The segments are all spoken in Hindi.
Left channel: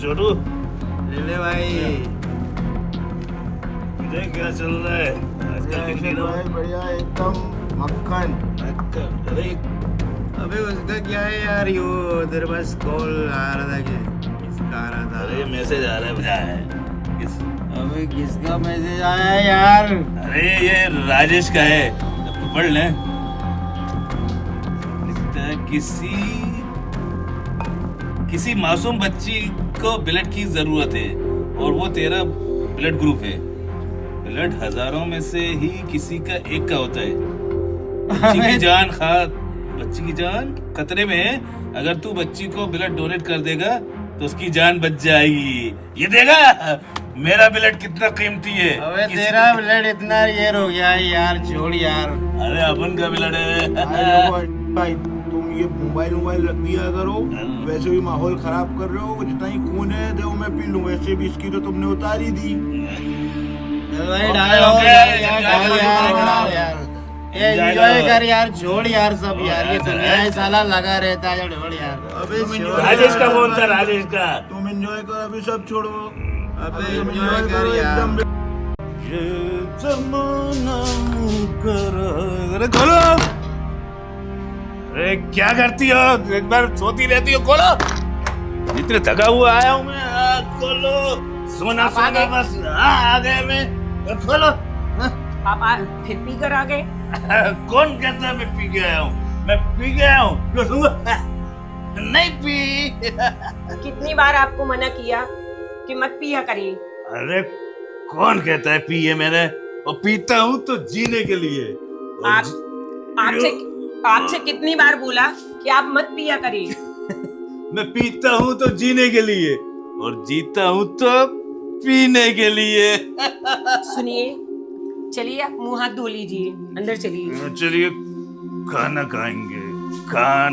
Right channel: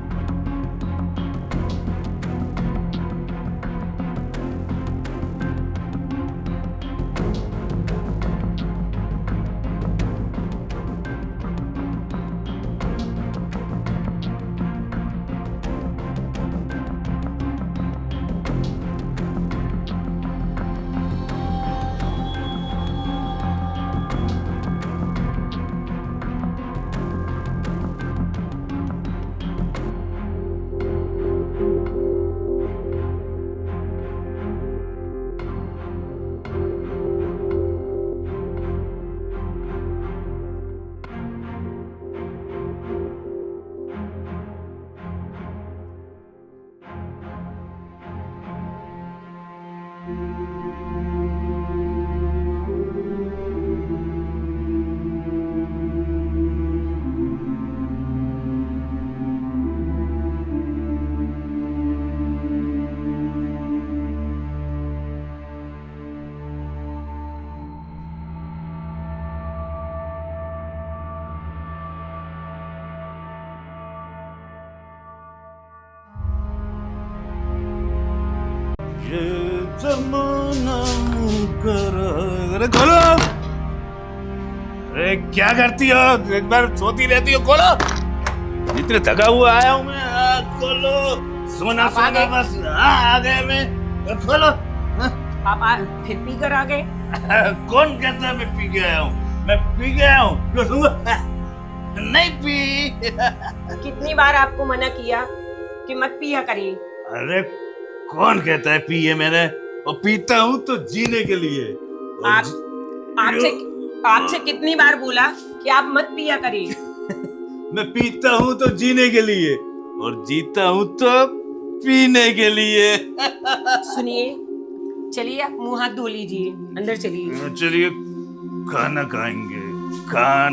छोटू। ले भाई, देख क्या चल रहा है बढ़िया एकदम मक्खन। अबे उसका क्या है यार, यो उधर बस कॉल आ रहा था कि किसका आ रहा था। अरे मैसेज आ रहा है अबे किसका मैसेज आया यार? अरे ये राजेश का है, पढ़ ले। लिखता है, किसी मासूम बच्ची को ब्लड की जरूरत है और वो तेरा ब्लड ग्रुप है। ब्लड हजारों में से ही किसी का एक का होता है। बच्ची की जान खतरे में है। अगर तू बच्ची को ब्लड डोनेट कर देगा तो उसकी जान बच जाएगी। ये देगा मेरा ब्लड कितना कीमती है। अबे तेरा ब्लड इतना रेयर हो गया है यार, छोड़ यार। अरे अपन का ब्लड है। भाई तुम ये मोबाइल रख दिया करो, वैसे भी माहौल खराब कर रहे हो। जितना ही खून है देखो मैं पी लूं, वैसे भी इसकी तो तुमने उतार ही दी। भाई डालो यार, ये एंजॉय कर यार, छोड़ यार सब यार। ये दुनिया है साला लगा रहता है, छोड़ यार। अबे राजेश का फोन था, राजेश का। तुम एंजॉय करो, अभी सब छोड़ो। अबे एंजॉय कर यार। ये जमाना अरे खोलो। अरे क्या करती हो, एक बार सोती रहती हो। खोलो, इतने थका हुआ आया हूँ मैं। खोलो, सोना बस। आ गए मैं, खोलो। आप फिर पी कर आ गए? कौन कहता है मैं पी के आया हूँ? मैं पी गया हूँ? नहीं पी। कितनी बार आपको मना किया कि मत पिया करिए? अरे कौन कहता है पिए मैंने? और पीता हूँ तो जीने के लिए। आपसे कितनी बार बोला कि आप मत पिया करिए? मैं पीता हूँ तो जीने के लिए और जीता हूँ तो पीने के लिए। सुनिए, चलिए आप मुंह हाथ धो लीजिए, अंदर चलिए। चलिए खाना खाएंगे। खान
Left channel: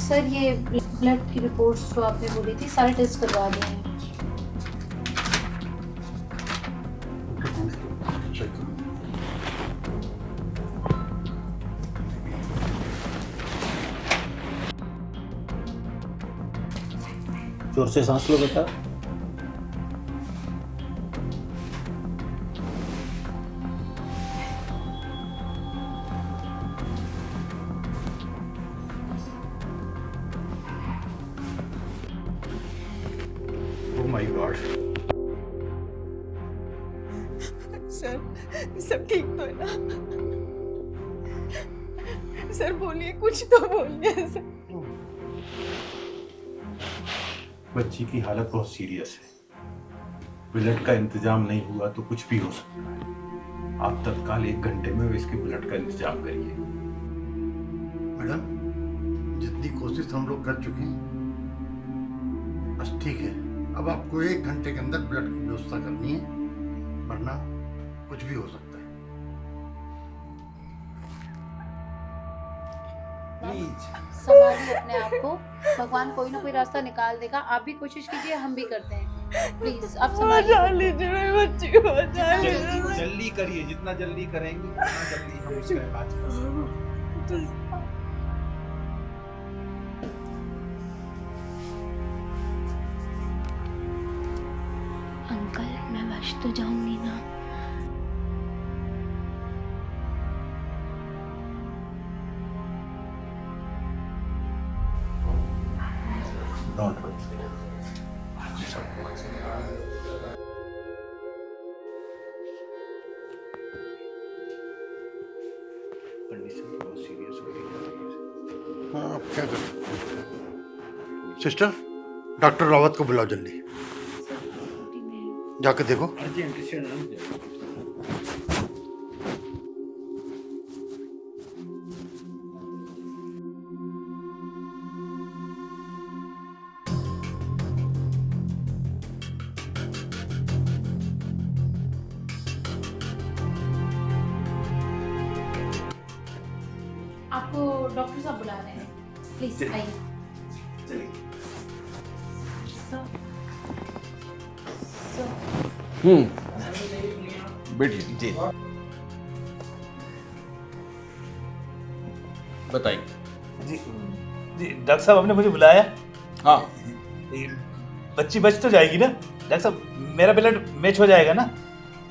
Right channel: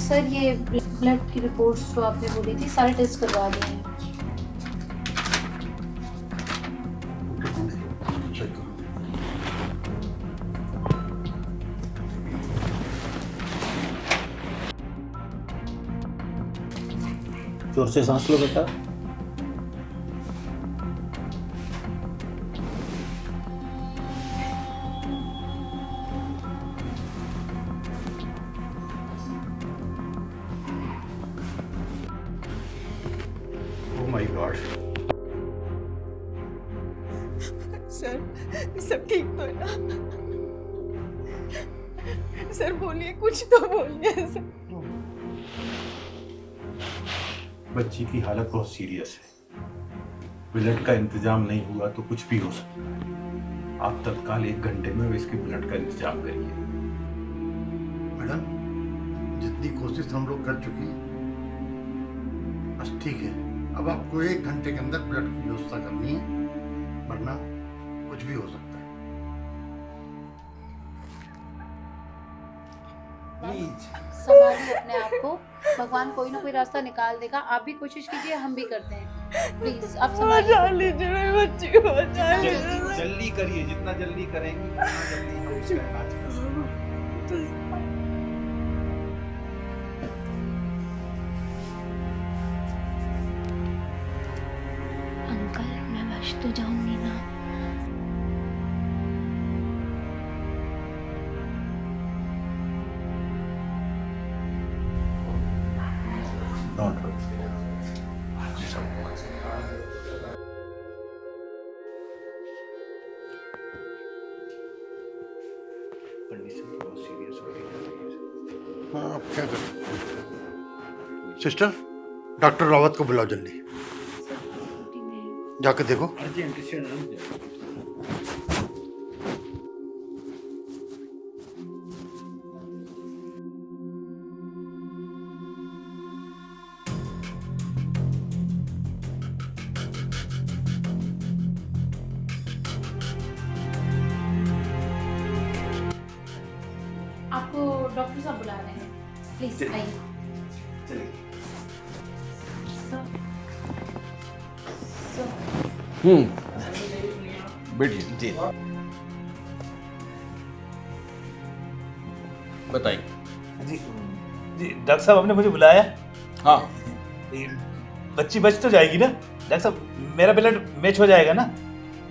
सर ये ब्लड की रिपोर्ट्स जो आपने बोली थी सारे टेस्ट करवा दिए हैं। जोर से सांस लो बेटा। Oh my God. सर सब ठीक तो है ना? सर बोलिए, कुछ तो बोलिए सर। बच्ची की हालत बहुत सीरियस है। ब्लड का इंतजाम नहीं हुआ तो कुछ भी हो सकता है। आप तत्काल 1 घंटे में इसके ब्लड का इंतजाम करिए। मैडम, जितनी कोशिश हम लोग कर चुके हैं, बस ठीक है। अब आपको 1 घंटे के अंदर ब्लड की व्यवस्था करनी है, वरना कुछ भी हो सकता है। प्लीज संभालिए अपने आप को, भगवान कोई ना कोई रास्ता निकाल देगा। आप भी कोशिश कीजिए, हम भी करते हैं। प्लीज आप बचा संभालिए। लीजिए मेरी बच्ची को, बचा लीजिए। जल्दी करिए, जितना जल्दी करेंगी उतना जल्दी हम इसका इलाज कर सकते हैं। अंकल मैं बच तो जाऊंगी ना? Don't worry. कंडीशन बहुत सीरियस हो रही है। हाँ, आप क्या करें? सिस्टर, डॉक्टर रावत को बुलाओ जल्दी। जाकर देखो। आपको डॉक्टर साहब बुला रहे हैं, प्लीज आइए। चलिए। बैठिए जी बताइए। जी जी डॉक्टर साहब आपने मुझे बुलाया। हाँ ये बच्ची बच तो जाएगी ना डॉक्टर साहब? मेरा ब्लड मैच हो जाएगा ना?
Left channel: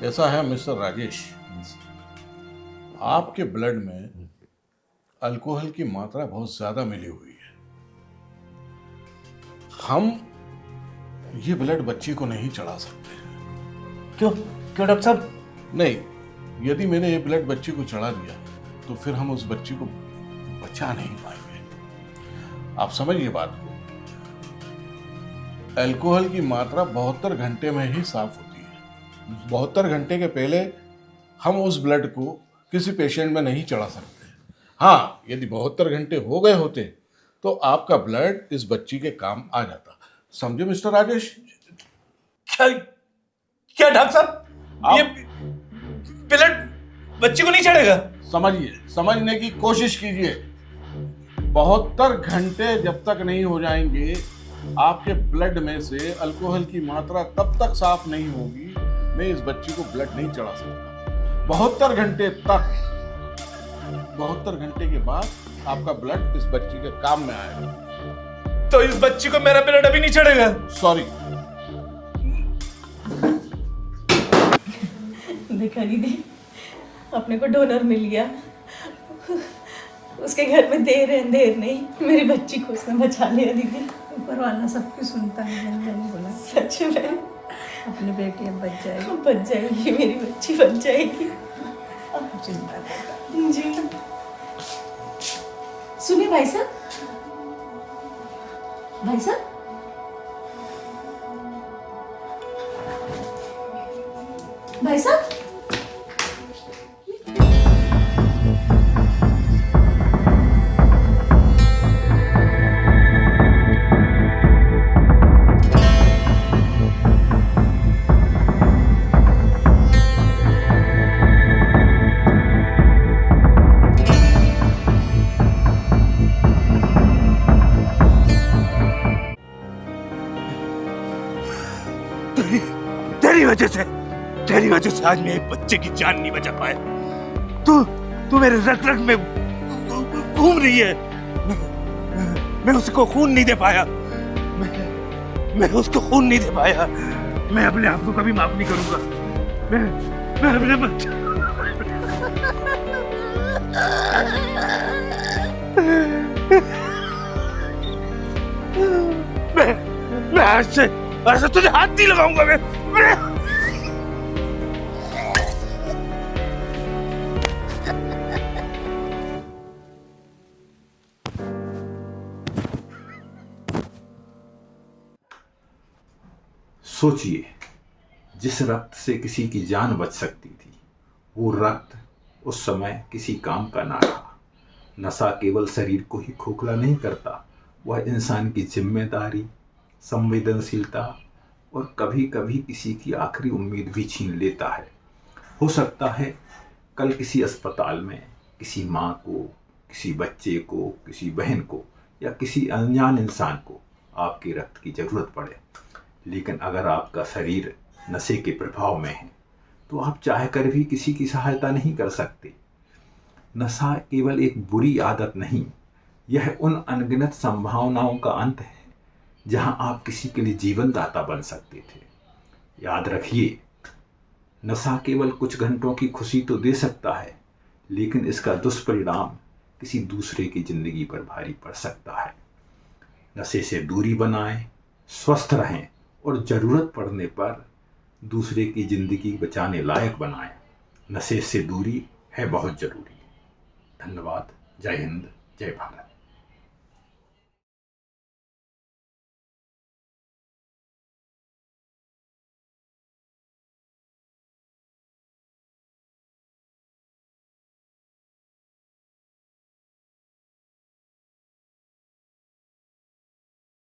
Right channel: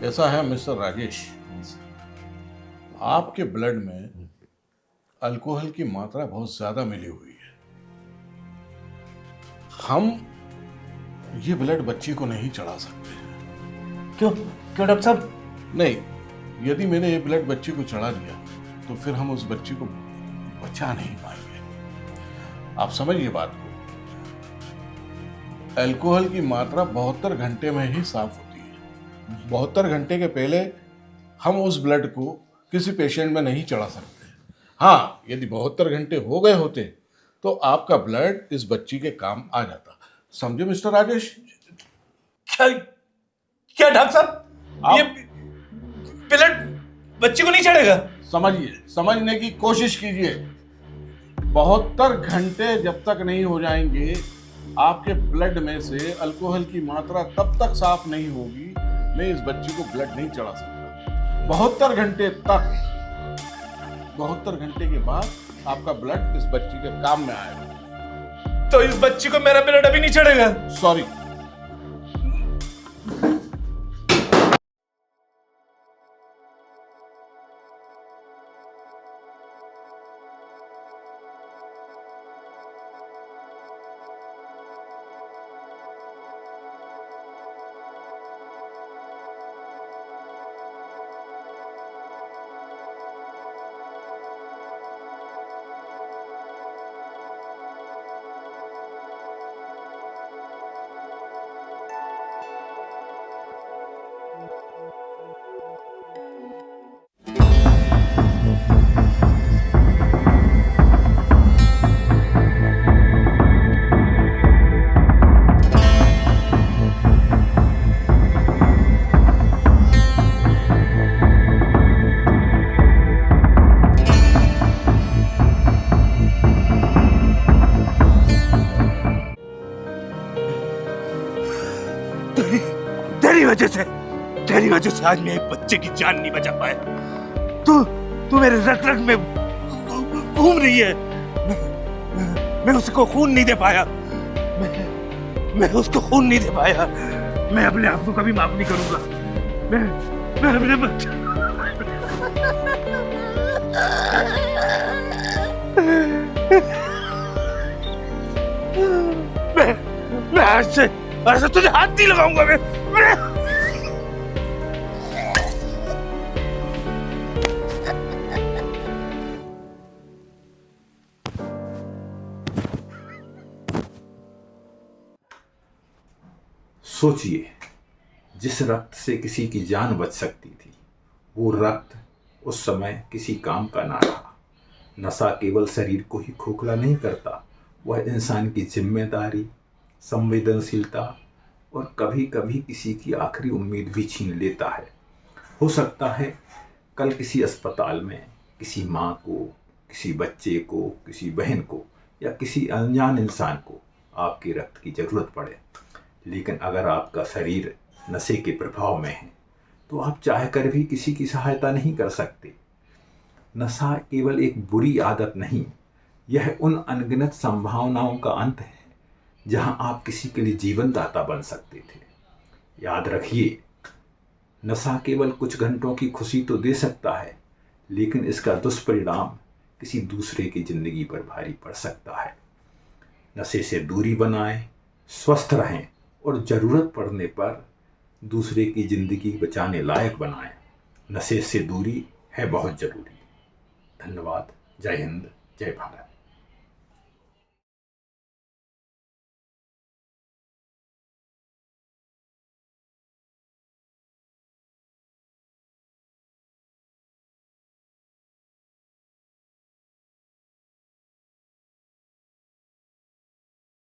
ऐसा है मिस्टर राजेश, आपके ब्लड में अल्कोहल की मात्रा बहुत ज्यादा मिली हुई है। हम ये ब्लड बच्ची को नहीं चढ़ा सकते। क्यों क्यों डॉक्टर साहब? नहीं, यदि मैंने ये ब्लड बच्ची को चढ़ा दिया तो फिर हम उस बच्ची को बचा नहीं पाएंगे। आप समझिए बात को। अल्कोहल की मात्रा 72 घंटे में ही साफ होती है। 72 घंटे के पहले हम उस ब्लड को किसी पेशेंट में नहीं चढ़ा सकते। हाँ, यदि 72 घंटे हो गए होते तो आपका ब्लड इस बच्ची के काम आ जाता। समझे मिस्टर राजेश? क्या क्या डॉक्टर साहब ये ब्लड बच्ची को नहीं चढ़ेगा? समझिए, समझने की कोशिश कीजिए। 72 घंटे जब तक नहीं हो जाएंगे आपके ब्लड में से अल्कोहल की मात्रा तब तक साफ नहीं होगी, मैं इस बच्ची को ब्लड नहीं चढ़ा सकता। 72 घंटे तक, 72 घंटे के बाद आपका ब्लड इस बच्ची के काम में आएगा। तो इस बच्ची को मेरा ब्लड अभी नहीं चढ़ेगा? सॉरी। देखा दीदी, अपने को डोनर मिल गया। उसके घर में देर नहीं, मेरी बच्ची को उसने बचा लिया दीदी। ऊपर वाला सब कुछ सुनता है। बोला सच में अपनी बेटी अब बच जाएगी, मेरी बच्ची बच जाएगी। चिंता जी सुनिए भाई साहब, भाई साहब तेरी वजह से आज मैं एक बच्चे की जान नहीं बचा पाया। तू मेरे रग रग में घूम रही है। मैं उसको खून नहीं दे पाया। मैं उसको खून नहीं दे पाया। मैं अपने आप को कभी माफ नहीं करूंगा। मैं अपने बच्चे मैं आज से तुझे हाथ नहीं लगाऊंगा। मैं सोचिए, जिस रक्त से किसी की जान बच सकती थी, वो रक्त उस समय किसी काम का ना रहा। नशा केवल शरीर को ही खोखला नहीं करता, वह इंसान की जिम्मेदारी, संवेदनशीलता और कभी कभी किसी की आखिरी उम्मीद भी छीन लेता है। हो सकता है कल किसी अस्पताल में किसी माँ को, किसी बच्चे को, किसी बहन को या किसी अनजान इंसान को आपके रक्त की ज़रूरत पड़े, लेकिन अगर आपका शरीर नशे के प्रभाव में है तो आप चाहकर भी किसी की सहायता नहीं कर सकते। नशा केवल एक बुरी आदत नहीं, यह उन अनगिनत संभावनाओं का अंत है जहां आप किसी के लिए जीवन दाता बन सकते थे। याद रखिए, नशा केवल कुछ घंटों की खुशी तो दे सकता है, लेकिन इसका दुष्परिणाम किसी दूसरे की जिंदगी पर भारी पड़ सकता है। नशे से दूरी बनाएं, स्वस्थ रहें और ज़रूरत पड़ने पर दूसरे की ज़िंदगी बचाने लायक बनाएं। नशे से दूरी है बहुत ज़रूरी। धन्यवाद। जय हिंद, जय भारत।